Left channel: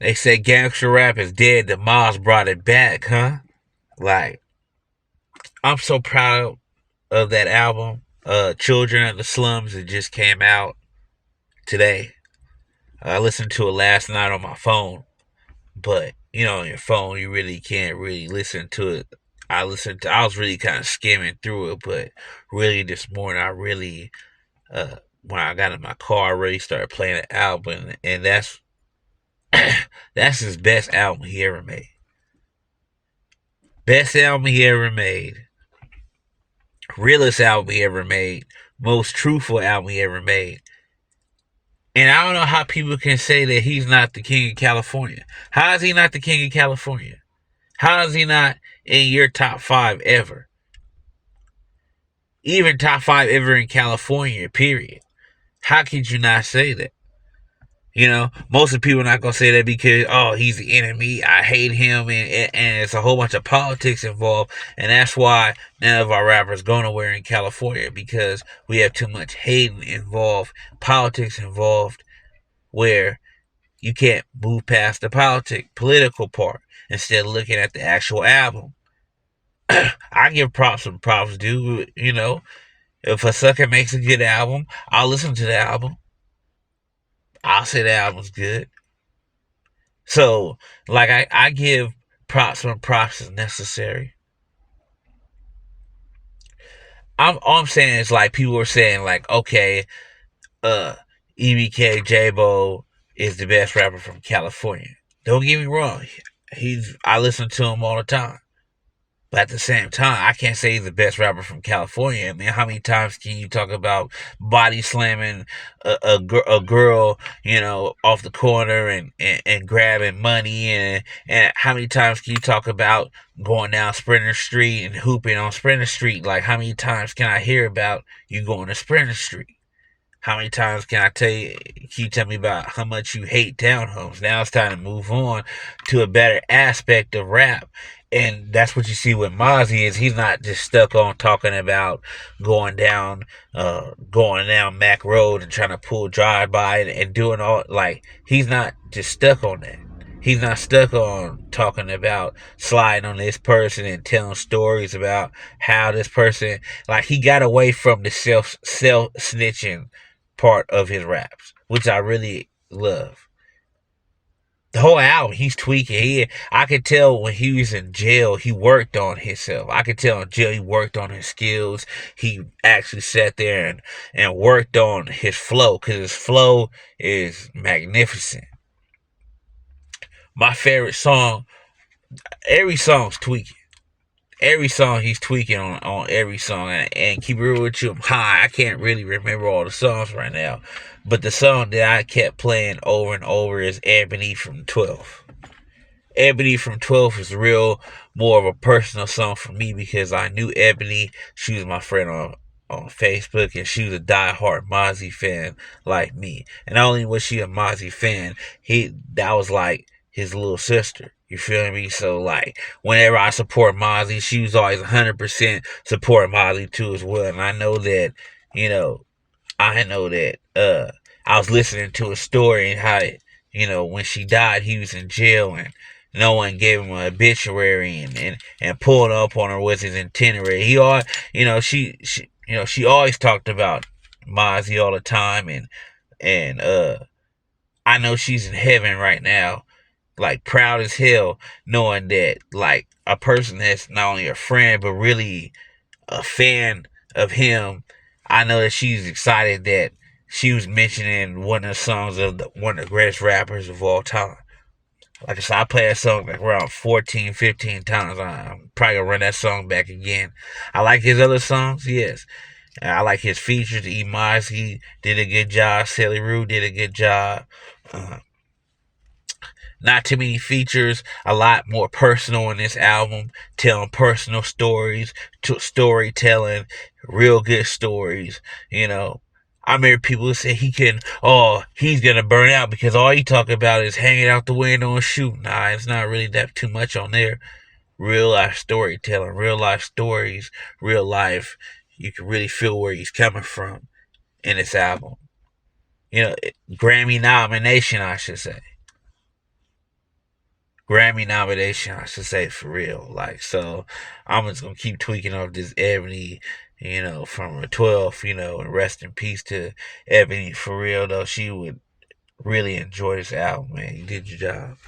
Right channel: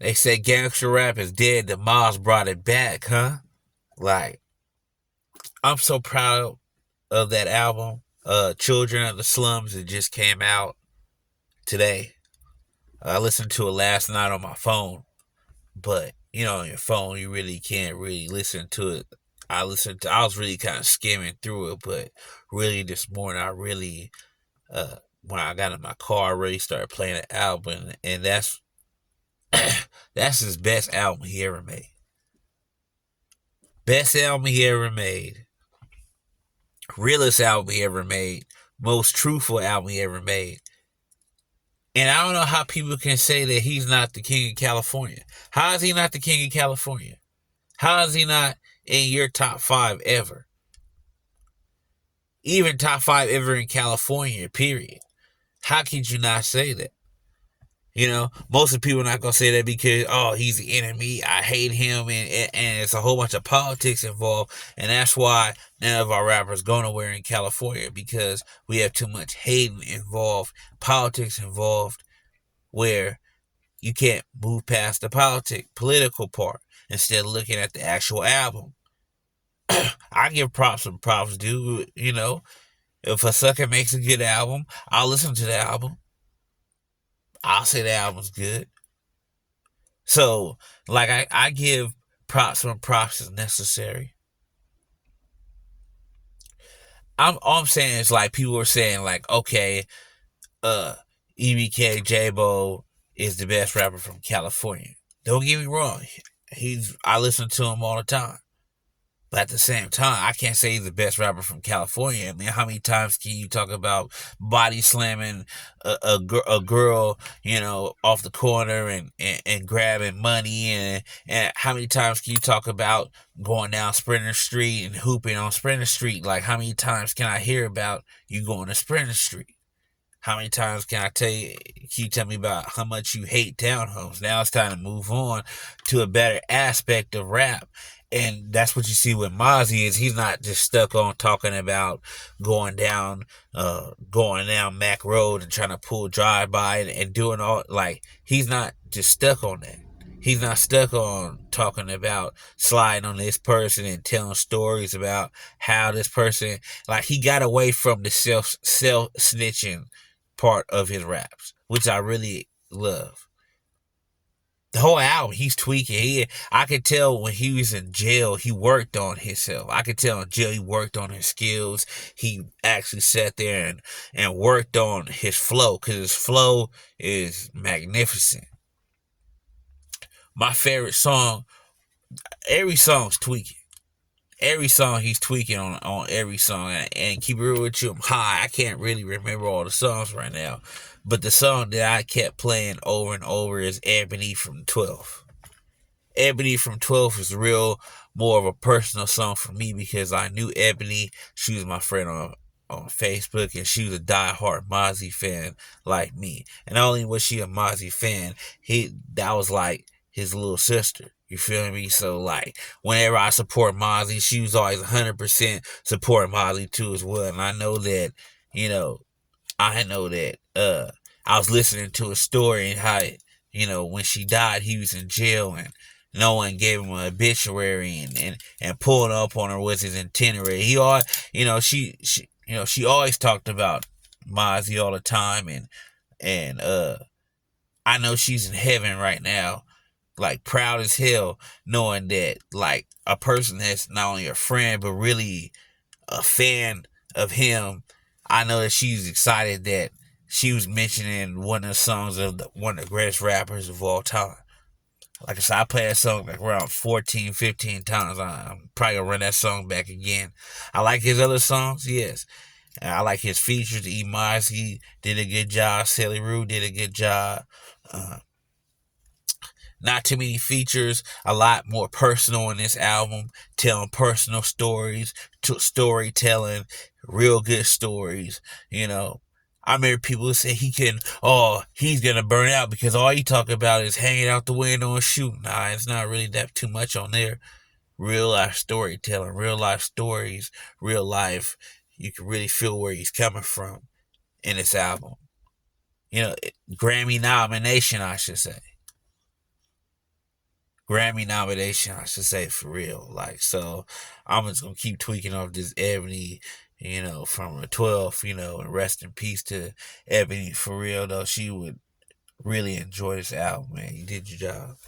They said gangster rap is dead. The Mozz brought it back, huh? Like, I'm so proud of that album. Children of the Slums. It just came out today. I listened to it last night on my phone, but on your phone you really can't really listen to it. I was really kind of skimming through it, but really this morning I really when I got in my car I really started playing the album, and that's his best album he ever made. Best album he ever made. Realest album he ever made. Most truthful album he ever made. And I don't know how people can say that he's not the king of California. How is he not the king of California? How is he not in your top five ever? Even top five ever in California, period. How could you not say that? Most of the people are not gonna say that because he's the enemy. I hate him, and it's a whole bunch of politics involved, and that's why none of our rappers go nowhere in California because we have too much hating involved, politics involved, where you can't move past the political part instead of looking at the actual album. I give props when props due. If a sucker makes a good album, I'll listen to the album. I'll say the album's good. So, like, I give props when props is necessary. All I'm saying is, like, people are saying, like, okay, uh, EBK J-Bo is the best rapper from California. Don't get me wrong. I listen to him all the time. But at the same time, I can't say he's the best rapper from California. I mean, how many times can you talk about body slamming a girl, off the corner and grabbing money? And how many times can you talk about going down Sprinter Street and hooping on Sprinter Street? Like, how many times can I hear about you going to Sprinter Street? How many times can you tell me about how much you hate townhomes? Now it's time to move on to a better aspect of rap. And that's what you see with Mozzy is he's not just stuck on talking about going down, going down Mac Road and trying to pull drive by and doing all, like, he's not just stuck on that. He's not stuck on talking about sliding on this person and telling stories about how this person, like, he got away from the self snitching part of his raps, which I really love. The whole album, he's tweaking. I could tell when he was in jail, he worked on himself. I could tell in jail he worked on his skills. He actually sat there and worked on his flow because his flow is magnificent. My favorite song, every song's tweaking. Every song he's tweaking on every song, and keep it real with you, I'm high. I can't really remember all the songs right now, but the song that I kept playing over and over is Ebony from 12. Ebony from 12 is real more of a personal song for me because I knew Ebony. She was my friend on Facebook, and she was a diehard Mazy fan like me. And not only was she a Mazy fan, that was like his little sister. You feel me? So, like, whenever I support Mazy, she was always 100% supporting Mazy too as well. And you know, I know that I was listening to a story and how when she died he was in jail and no one gave him an obituary and pulling up on her was his itinerary. He all she always talked about Mazy all the time and I know she's in heaven right now, like proud as hell, knowing that like a person that's not only a friend but really a fan of him. I know that she's excited that she was mentioning one of the songs of one of the greatest rappers of all time. Like I said, I play that song like around 14, 15 times. I'm probably gonna run that song back again. I like his other songs, yes. And I like his features. E. Mozzy did a good job. Sally Rue did a good job. Uh, Not too many features, a lot more personal in this album, telling personal stories, storytelling, real good stories. I remember people say he's gonna burn out because all he talk about is hanging out the window and shooting. Nah, it's not really that too much on there. Real life storytelling, real life stories, real life. You can really feel where he's coming from in this album. Grammy nomination, I should say. Grammy nomination, I should say, for real. Like, so I'm just gonna keep tweaking off this Ebony, from a 12, and rest in peace to Ebony, for real though. She would really enjoy this album, man. You did your job.